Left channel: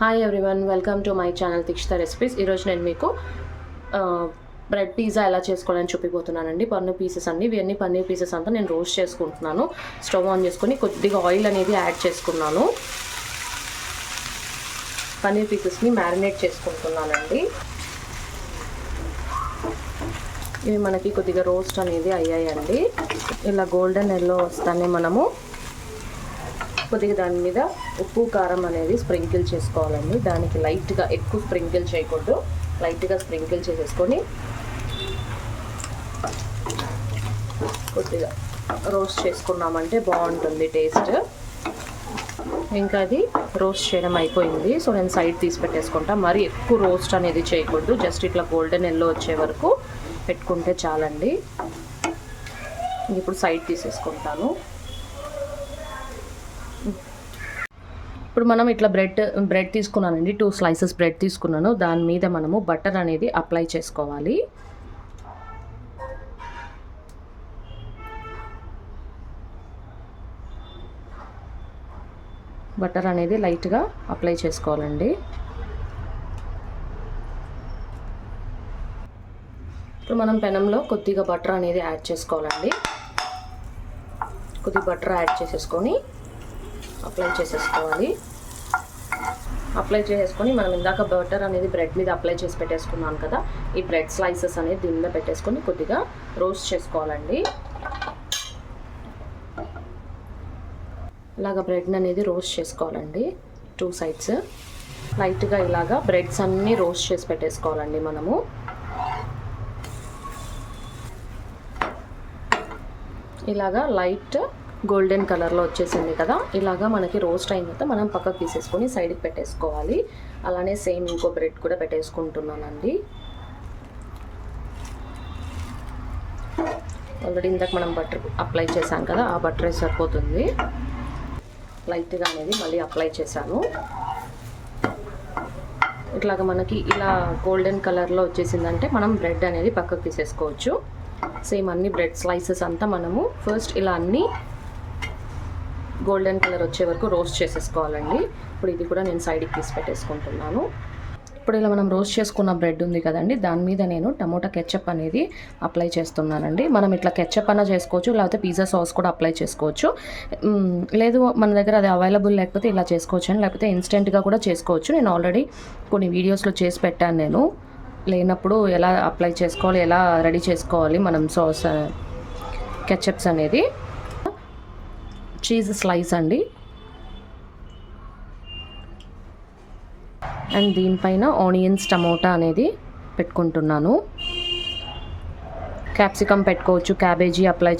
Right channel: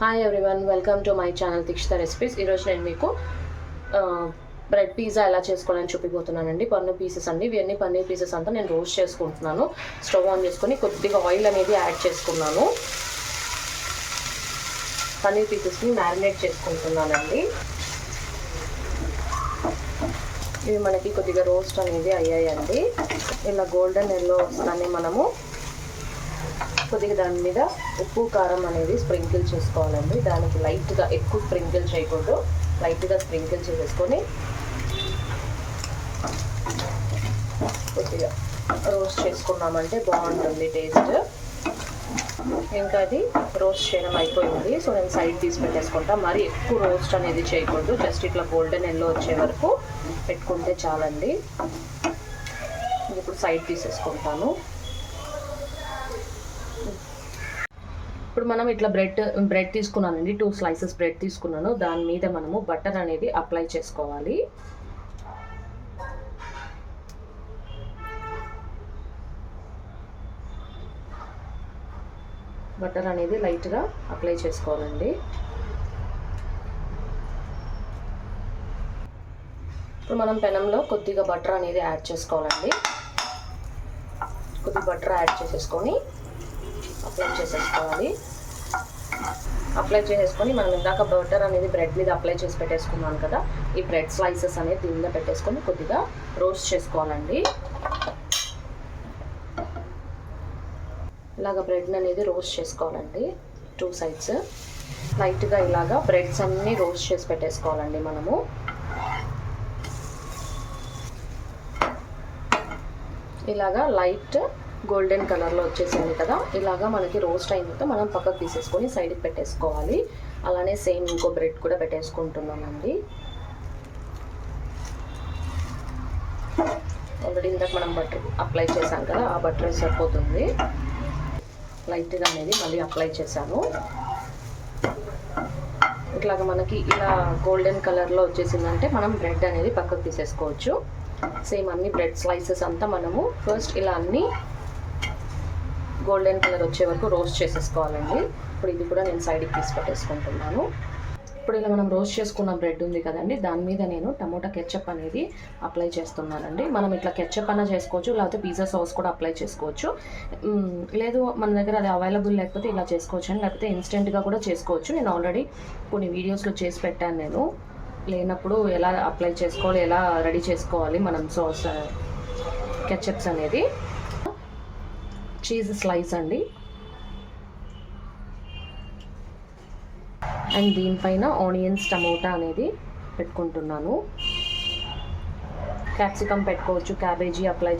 Hi everyone, welcome to my channel Dikshita recipes. ఈరోజు నేను మీకు బ్రెడ్ పిజ్జా ఎలా చేసుకోవాలని చూపిపోతున్నానండి. పన్నీర్ పీసెస్ అండి. ఇవన్నీ పన్నీర్ పీసెస్ అంతా నేను రోస్ట్ చేసుకుంటున్నాను. స్టవ్ ఆన్ చేసుకొని కొద్దిగా ఆయిల్ అనేది యాడ్ చేసుకున్నాను. పన్నీర్ పీసెస్ని మ్యారినేట్ చేసుకుంటున్నానండి. ఇవి మనకి కొద్దిగా రోస్ట్ అనేది అయ్యాయండి. ఇలా గోల్డెన్ ఎల్లో వస్తానే మనము కొద్దిగా దాని మీద ఉప్పు కారం అనేది స్ప్రింకిల్ చేసుకోవాలండి. దానికి లైట్గా, ఎక్కువ స్ప్రింకిల్ చేయకూడదు, లైట్గా స్ప్రింకిల్ చేసేసుకొని కొద్దిగా రోస్ట్ చేసుకున్నామంటే బాగుంటుంది టేస్ట్. ఇంకా అది రోస్ట్ చేయడం అయిపోయింది. సో నేను సైడ్ తీసి పెట్టేసుకుంటా. మరి ఎక్కువ రోస్ట్ అనేది చేయకూడదు, జస్ట్ ఇట్లా గోల్డెన్ ఎల్లో వచ్చే వరకు పెట్టుకుంటే చాలండి. ఇప్పుడు సైడ్ తీసేసుకుంటాను. ఇప్పుడు మనం ఇట్లా బ్రెడ్ తీసుకున్నానండి. 2 స్లైసెస్ బ్రెడ్ తీసుకున్నాను. దాని మీద మనము బటర్ అనేది అప్లై చేసుకోవాలి. బటర్ అనేది లైట్గా అప్లై చేసుకోవాలండి. ఇప్పుడు మనం పెనంలో కొద్దిగా బటర్ అనేది యాడ్ చేసుకోవాలండి. కొద్దిగా బటర్ యాడ్ చేసేసుకొని అప్లై చేసేసుకోవాలి. అప్లై చేసేసుకొని మనం ఇందాక బటర్ అనేది బ్రెడ్ మీద అప్లై చేసి పెట్టేసుకున్నాను కదా, ఈ బ్రెడ్ స్లైసెస్ అనేది దీని మీద పెట్టేసుకొని కొద్దిగా రోస్ట్ చేసుకోవాలండి. ఇలాగ బ్రెడ్ అనేది రోస్ట్ చేసుకోవాలండి. 2 సైడ్స్ లైట్గా ఇలాగా బ్రెడ్స్ అన్నీ రోస్ట్ చేసి పెట్టేసుకోవాలండి. మనము ఇలాగా లైట్ గోల్డెన్ కలర్లో వచ్చేసింది కదా, ఇలాగా మనకి రోస్ట్ అయిన తర్వాత మనం పక్కకు తీసేసుకొని సైడ్కి పెట్టేసుకోవాలి. అలానే సేమ్ ఇంకో బ్రెడ్ కూడా పెట్టేసుకుంటున్నానండి. ఆల్రెడీ ఇందాక మనం బటర్ అప్లై చేశాను కదా, ఆ బటర్ సరిపోతుంది. లైట్గా అనేది మళ్ళీ అప్లై చేశాను. ఇట్లాగా మనకి ఇలా గోల్డెన్ కలర్లో వచ్చేసిందంటే మనం బ్రెడ్ అనేది పక్కకు తీసేసుకోవచ్చు. సేమ్ అన్ని బ్రెడ్ స్లైసెస్ అంతా మనము ఫస్ట్ ఇలా అన్నీ గోల్డెన్ కలర్ వచ్చే వరకు రోస్ట్ చేసేసుకోవాలండి. ఇప్పుడు ఇది కూడా నేను సైడ్కి తీసి పెట్టేసుకుంటున్నాను. ఇప్పుడు ఇలా మనం రోస్ట్ చేసుకున్న బ్రెడ్ ఉంది కదండి, దాని మీద నేను టమోటా కెచప్ అనేది అప్లై చేస్తున్నానండి. మనం ఇట్లా కెచప్ అన్నా చేసుకోవచ్చు, లేకపోతే పిజ్జా సాస్ కూడా అప్లై చేసుకోవచ్చు. లేదు మన దగ్గర అది అవైలబుల్ లేకపోతే ఇలా చేసుకోవచ్చు అని, లేకపోతే ఇన్స్టెంట్గా కూడా చేసుకోవచ్చు. నేను ఆల్రెడీ కొన్ని వీడియోస్లో చేసి పెట్టాను. నేను లేనప్పుడు ఎలా అప్లై చేసుకోవాలి, ఎలా రెడీ చేసుకోవాలి మనం సాస్ కెచప్స్ అనేది. చీజ్ స్లైస్ అండి, అండ్ దీనిపైన ఆనియన్స్, టమోటా అనేది పెట్టుకుంటున్నాను. క్యాప్సికమ్ పెట్టుకోవచ్చు, క్యాబేజీ అప్లై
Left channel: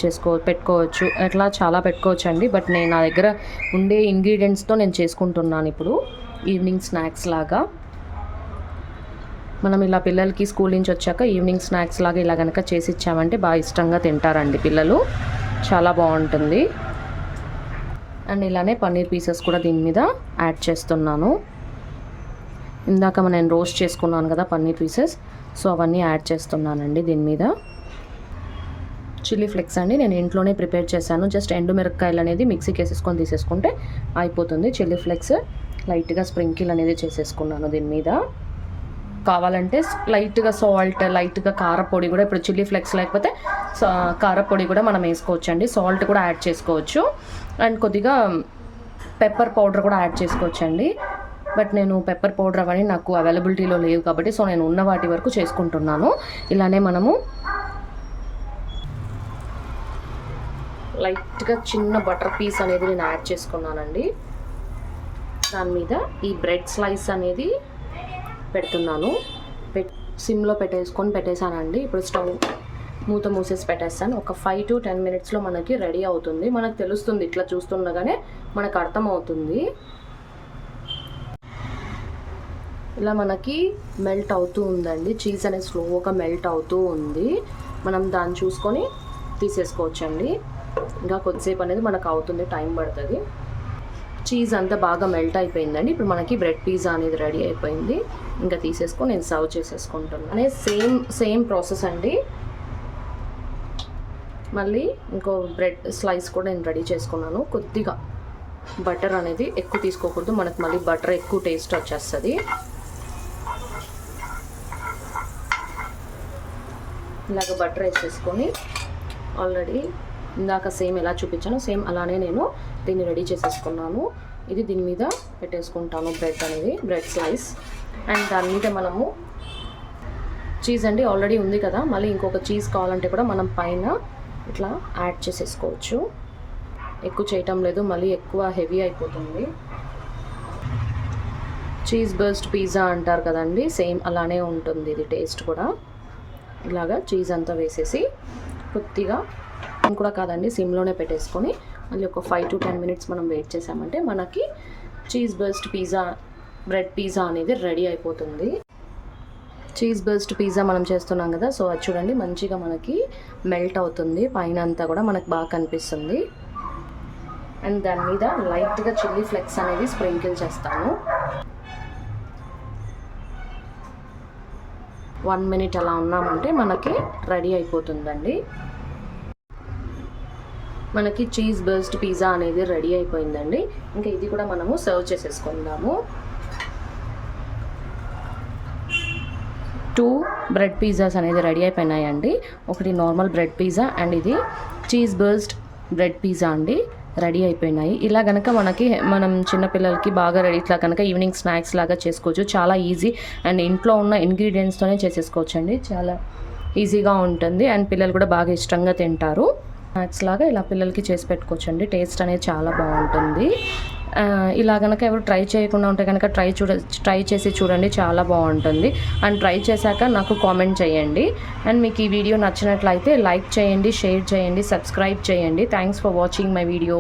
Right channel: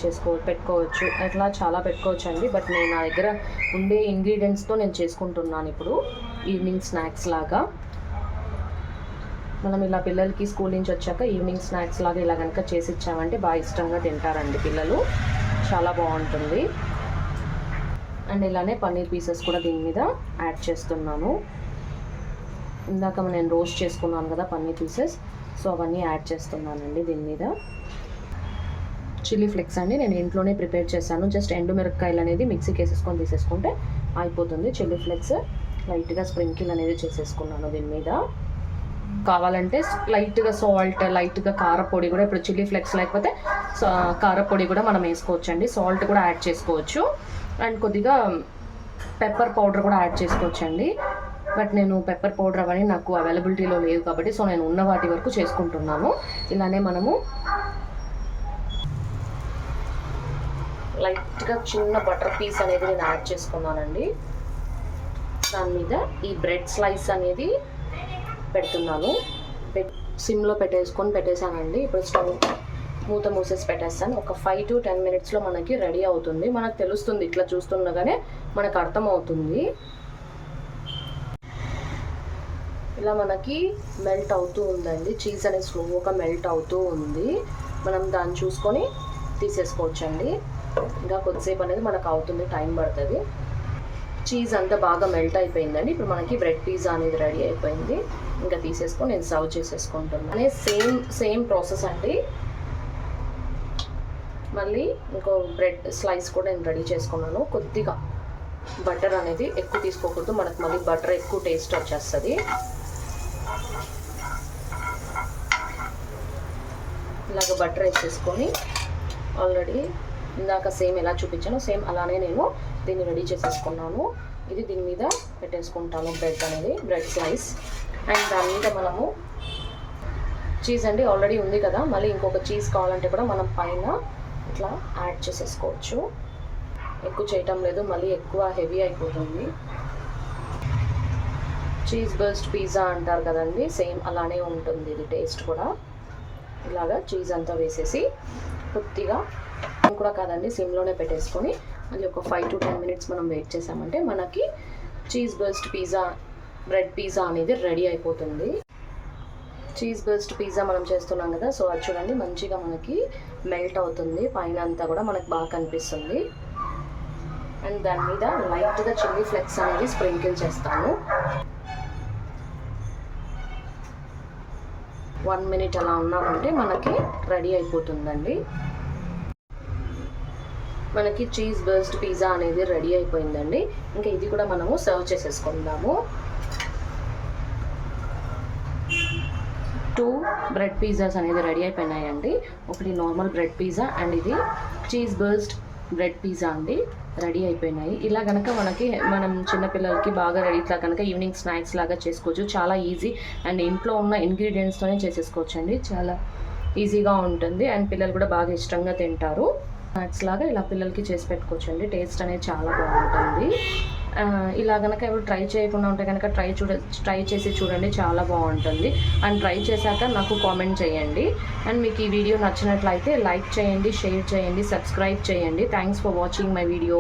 పెట్టుకోవచ్చు, అట్లా చాలా పెట్టుకోవచ్చు అండి. బట్ నేను నా దగ్గర ఉండే ఇంగ్రీడియంట్స్తో నేను చేసుకుంటున్నాను. ఇప్పుడు ఈవినింగ్ స్నాక్స్ లాగా మనం ఇలా పిల్లలకి స్కూల్ నుంచి వచ్చాక ఈవినింగ్ స్నాక్స్ లాగా ఇలా కనుక చేసి ఇచ్చామంటే బాగా ఇష్టంగా తింటారండి పిల్లలు. చాలా బాగుంటుంది. అండ్ ఇలానే పన్నీర్ పీసెస్ కూడా దీని మీద యాడ్ చేస్తున్నాను. ఇందాక నేను రోస్ట్ చేసుకున్నాను కదా పన్నీర్ పీసెస్, సో అవన్నీ యాడ్ చేస్తున్నానండి దీని మీద. చిల్లీ ఫ్లేక్స్ అండి, నేను ఇంట్లోనే ప్రిపేర్ చేశాను. జస్ట్ ఎండు మిరపకాయలు అనేది మిక్సీకి వేసేసుకొని తీసేసుకుంటే అయిపోతుంది. చిల్లీ ఫ్లేక్స్ లైట్గా స్ప్రింకిల్ అనేది చేసేసుకున్నాను దీని మీద. కావాలంటే లైట్గా సాల్ట్, లైట్గా కారపొడి కూడా, ఇప్పుడు చిల్లీ ఫ్లేక్స్ లేకపోతే కారపొడి కూడా మనం వేసుకోవచ్చు అండి. సాల్ట్ కూడా యాడ్ చేసుకోవచ్చు. అండ్ కొద్దిగా పెప్పర్ పౌడర్ కూడా యాడ్ చేసుకోవచ్చు అండి. బట్ నేను పెప్పర్ పౌడర్ అవన్నీ నాకు అవైలబిలిటీలో లేవు కాబట్టి సో నేను ఉన్న వాటి వరకు చేసుకుంటున్నాను. ఇలానే మనము లైట్గా చిన్న బటర్ పీస్ అనేది నేను యాడ్ చేసుకున్నానండి. దాని మీద ఈ బ్రెడ్ స్లైస్ అనేది పెడుతున్నాను. సిమ్లో పెట్టేశానండి. ఇప్పుడు స్టవ్ మూత మూసేసి పెట్టేస్తాను. ఒక 5 to 10 మినిట్స్లో మనకి రెడీ అవుతుంది. మనకు తెలుస్తుంది, ఇట్లా చూస్తుండగానే మనకు అర్థమవుతుంది. ఇలా మనకి మెల్ట్ అవుతూ ఉందండి. చీజ్ అనేది స్లోగా మెల్ట్ అవుతూ ఉంది. మనం దాన్ని చూసుకొని తీసేసుకోవచ్చండి. ఇంకా కొద్దిసేపు అనేది మనకు అవుతుంది, టైం పడుతుంది. చీజ్ అంతా బాగా మెల్ట్ అయిపోయిందండి. ఇప్పుడు మనకి బ్రెడ్ పిజ్జా అనేది రెడీ అయిపోయింది. ఇంకా తీసేసుకొని నేను సర్వ్ చేసేసుకుంటున్నాను. సేమ్ ప్రాసెస్ అండి. మళ్ళీ ఇంకో బ్రెడ్ స్లైస్ కూడా నేను రెడీ చేసుకున్నాను. కొద్దిగా బటర్ అనేది ఎక్కువ తీసుకోకూడదు, మనకు మళ్ళీ బటర్ ఎక్కువ టేస్ట్ వచ్చేస్తుంది. ఇలాగ బటర్ వేసేసుకొని ఆల్రెడీ ఇందాక సేమ్ ఎలా చూపించానో సేమ్ అలానే నేను దీన్ని రెడీ చేసేసుకున్నాను. ఇది దీని మీద పెట్టేసుకుంటాను బ్రెడ్ స్లైస్. అండ్ దాని మీద మనము చీజ్ అండి ఆల్రెడీ ఉంది కదా, మళ్ళీ ఇంకొక చీజ్ కావాలంటే కూడా మనం పైన ఇట్లా యాడ్ చేసేసుకోవచ్చు. ఎక్కువ చేయటం లేదు, మళ్ళీ ఎక్కువ హెవీ అయిపోతుంది. చీజ్ బర్స్ట్ పిజ్జా అంటారు కదండి, సేమ్ అలానే ఉంటుంది ఇది టేస్ట్ కూడా. ఇలాగా చీజ్ అంతా వేసేసి కొద్దిగా కూడా కాదండి సిమ్లోనే పెట్టేసుకొని మళ్ళీ ఒక 5 to 10 minutes మనం వెయిట్ చేసామంటే మనకి cheese burst pizza bread pizza అనేది రెడీ అయిపోతుంది. చీజ్ బర్స్ట్ పిజ్జా మనం చేస్తున్నాం కదా, సో అది చూడండి మంచిగా మనకి మెల్ట్ అవుతుంది, పైన అంతా కూడా మనకు బాగా కనిపిస్తుంది. అండ్ దాని మీద లైట్గా చిల్లీ ఫ్లేక్స్ అనేది స్ప్రింకిల్ చేస్తాను. 1 minute అలా ఉన్నామంటే మనకి రెడీ అయిపోతుందండి. మనకి చీజ్ బర్స్ట్ పిజ్జా అనేది రెడీ అయిపోయిందండి. ఇంకా ఇది కూడా మనము సర్వ్ చేసేసుకుందాము. 2 బ్రెడ్ పిజ్జాస్ అనేది రెడీ అయిపోయినాయండి. ఒకటి నార్మల్ బ్రెడ్ పిజ్జా అండ్ ఇది చీజ్ బర్స్ట్ బ్రెడ్ పిజ్జా అండి రెడీ అయిపోయినాయి. ఇలా కనుక మనం చిన్నపిల్లలకి బాగా ఇట్లా కనుక ఈవినింగ్ స్నాక్స్ లాగా చేసుకోవచ్చు. చాలా ఈజీ అండ్ ఇంట్లో ఉన్న ఇంగ్రీడియంట్స్తోనే చేసేసుకోవచ్చు అండి. చాలా ఈజీగా ఉంటుంది అండ్ పిల్లలు కూడా బాగా ఇష్టంగా తింటారు. స్నాక్స్ లాగా ఇలా పిల్లలకి చేసి పెట్టుకోవచ్చు అండి. టేస్ట్ అనేది చాలా బాగుంటుంది. ఇలా కనుక ఎవరు ట్రై చేయకుండా ఉంటే కనుక ట్రై చేసి చూడండి, చాలా బాగుంటుంది. అండ్ ట్రై చేశాక నాకు కామెంట్ చేయండి. అండ్ మీకు ఈ వీడియో నచ్చినట్లయితే లైక్ చేయండి, షేర్ చేయండి, సబ్స్క్రైబ్ చేయండి. Thanks for watching my video.